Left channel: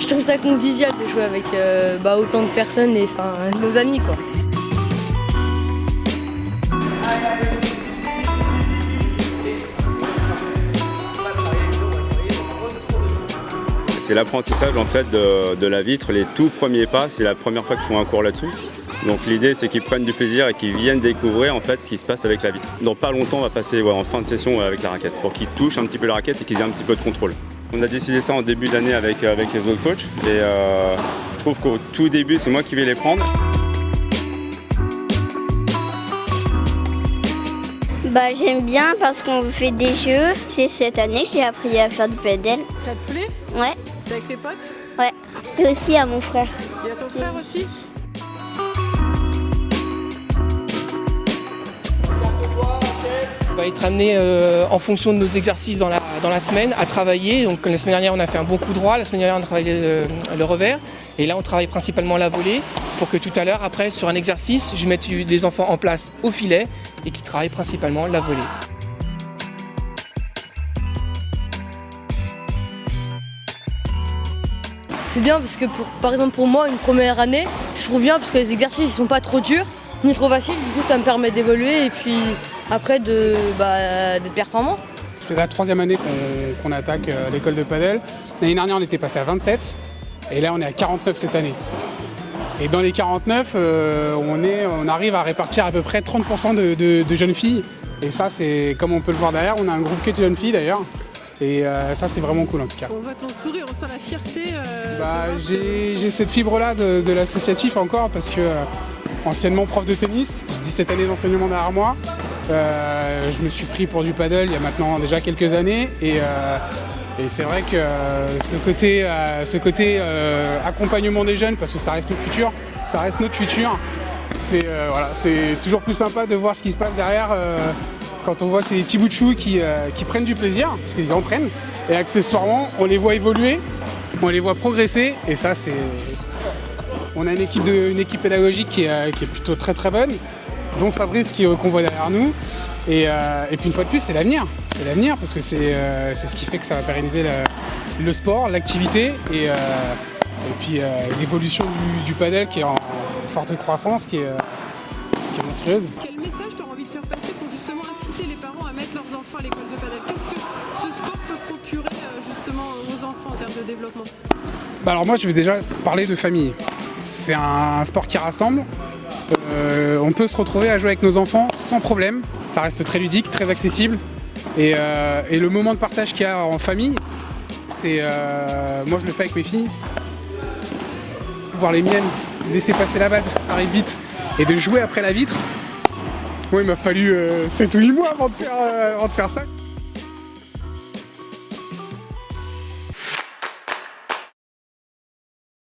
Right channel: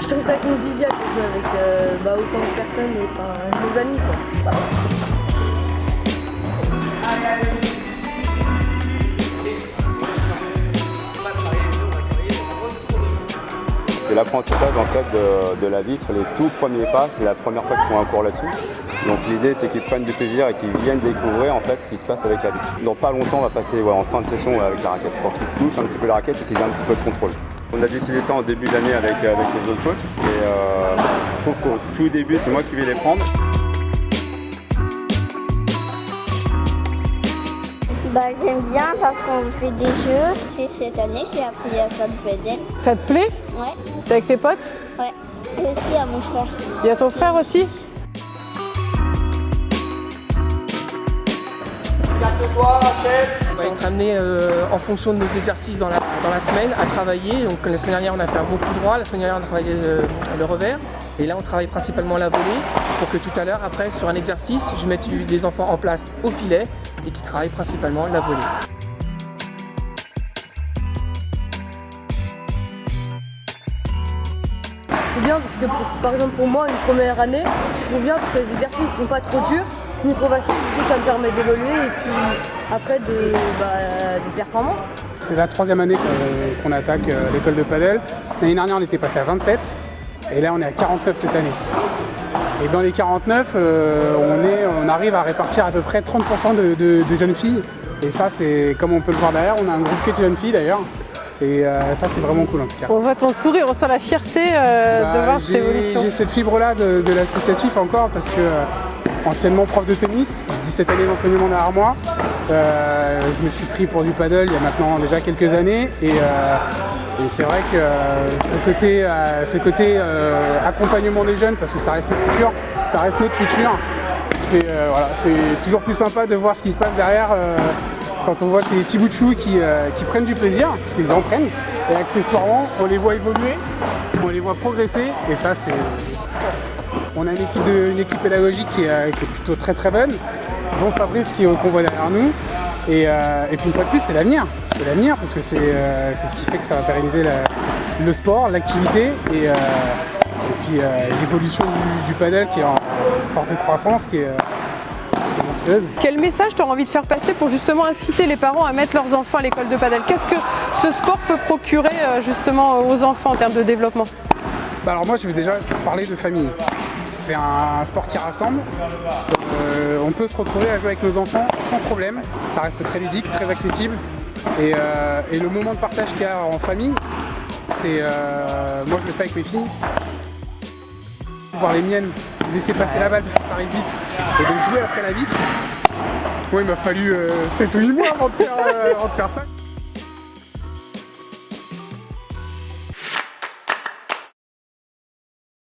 Je trouve ça convivial de jouer avec autant de personnes et nos amis, quoi. C'est l'apprentissage en fait de la vitre, les tout premiers pas, c'est la première fois qu'ils font un cours là-dessus. Donc l'idée c'est qu'ils prennent du plaisir et qu'ils viennent découvrir en fait ce qui se passe avec la vitre. Dans pas longtemps on va passer en fin de session avec la raquette pour qu'ils touchent un petit peu la raquette et qu'ils aient un petit peu de contrôle. On a décidé ça en début d'année avec les autres coachs et je trouve qu'au tout début c'est moi qui vais les prendre. J'aime bien parce qu'on fait des jeux. C'est cette année que j'ai appris à faire du padel. Ça te plaît? Ouais. T'es avec tes potes? Ouais. Et aussi à mon frère. Et à ton frère aussi? On va être amené en fonction de nos exercices dans la semaine à travailler. Donc la semaine dernière on a fait un gros coup droit, la semaine dernière on a travaillé le revers. Et là on travaille principalement la volée pour que tout à l'heure après sur un exercice je mette des enfants en place au filet et qui travaillent principalement la volée. C'est bien parce que par exemple pour moi une première année, je trouve bien parce que les exercices ils sont pas trop durs ni trop faciles, du coup ça me permet d'évoluer et puis après d'être performant. C'est la 3e année qu'on attaque l'école de padel. L'année dernière on était passé à 27 et là on est à 49 cette année. Et dans les 49, on arrive à répartir à peu près 30% de jeunes filles. Et ça c'est comme on peut le voir derrière, on a un groupe que de jeunes filles d'ailleurs. Et ça c'est vraiment cool en tout cas. On voit ton sourire, on sent la fierté de voir cette évolution. J'ai cette fibre-là de l'associatif encore parce que anciennement prof de tennis, j'ai 17 années d'enseignement derrière moi. Je me suis pris pour du paddle il y a maintenant déjà quelques années et c'est vrai que ce côté accompagnement des jeunes, parce que ça reste notre futur, c'est toujours plus sympa de voir ce qui se passe derrière quand on voit ces petits bouts de chou qui prennent du plaisir, parce qu'ils en prennent, et accessoirement on les voit évoluer, on les voit progresser, et ça c'est... On a une équipe pédagogique qui est plutôt très très bonne, dont Fabrice qu'on voit derrière nous, et puis une fois de plus c'est l'avenir, parce que c'est ce qui fait que ça va pérenniser le sport, l'activité, et puis l'évolution du paddle qui est en forte croissance, qui est monstrueuse. Quel message tu as envie de faire passer pour justement inciter les parents à mettre leurs enfants à l'école de padel? Qu'est-ce que ce sport peut procurer justement aux enfants en termes de développement? Alors moi je vais déjà parler de famille. C'est un sport qui rassemble. On peut se retrouver à jouer avec nos enfants sans problème. Ça reste très ludique, très accessible. Et le moment de partage qu'il y a en famille, c'est... moi je le fais avec mes filles. Voir les miennes laisser passer la balle parce que ça arrive vite et de jouer après la vitre. Moi il m'a fallu 7 ou 8 mois avant de faire ça.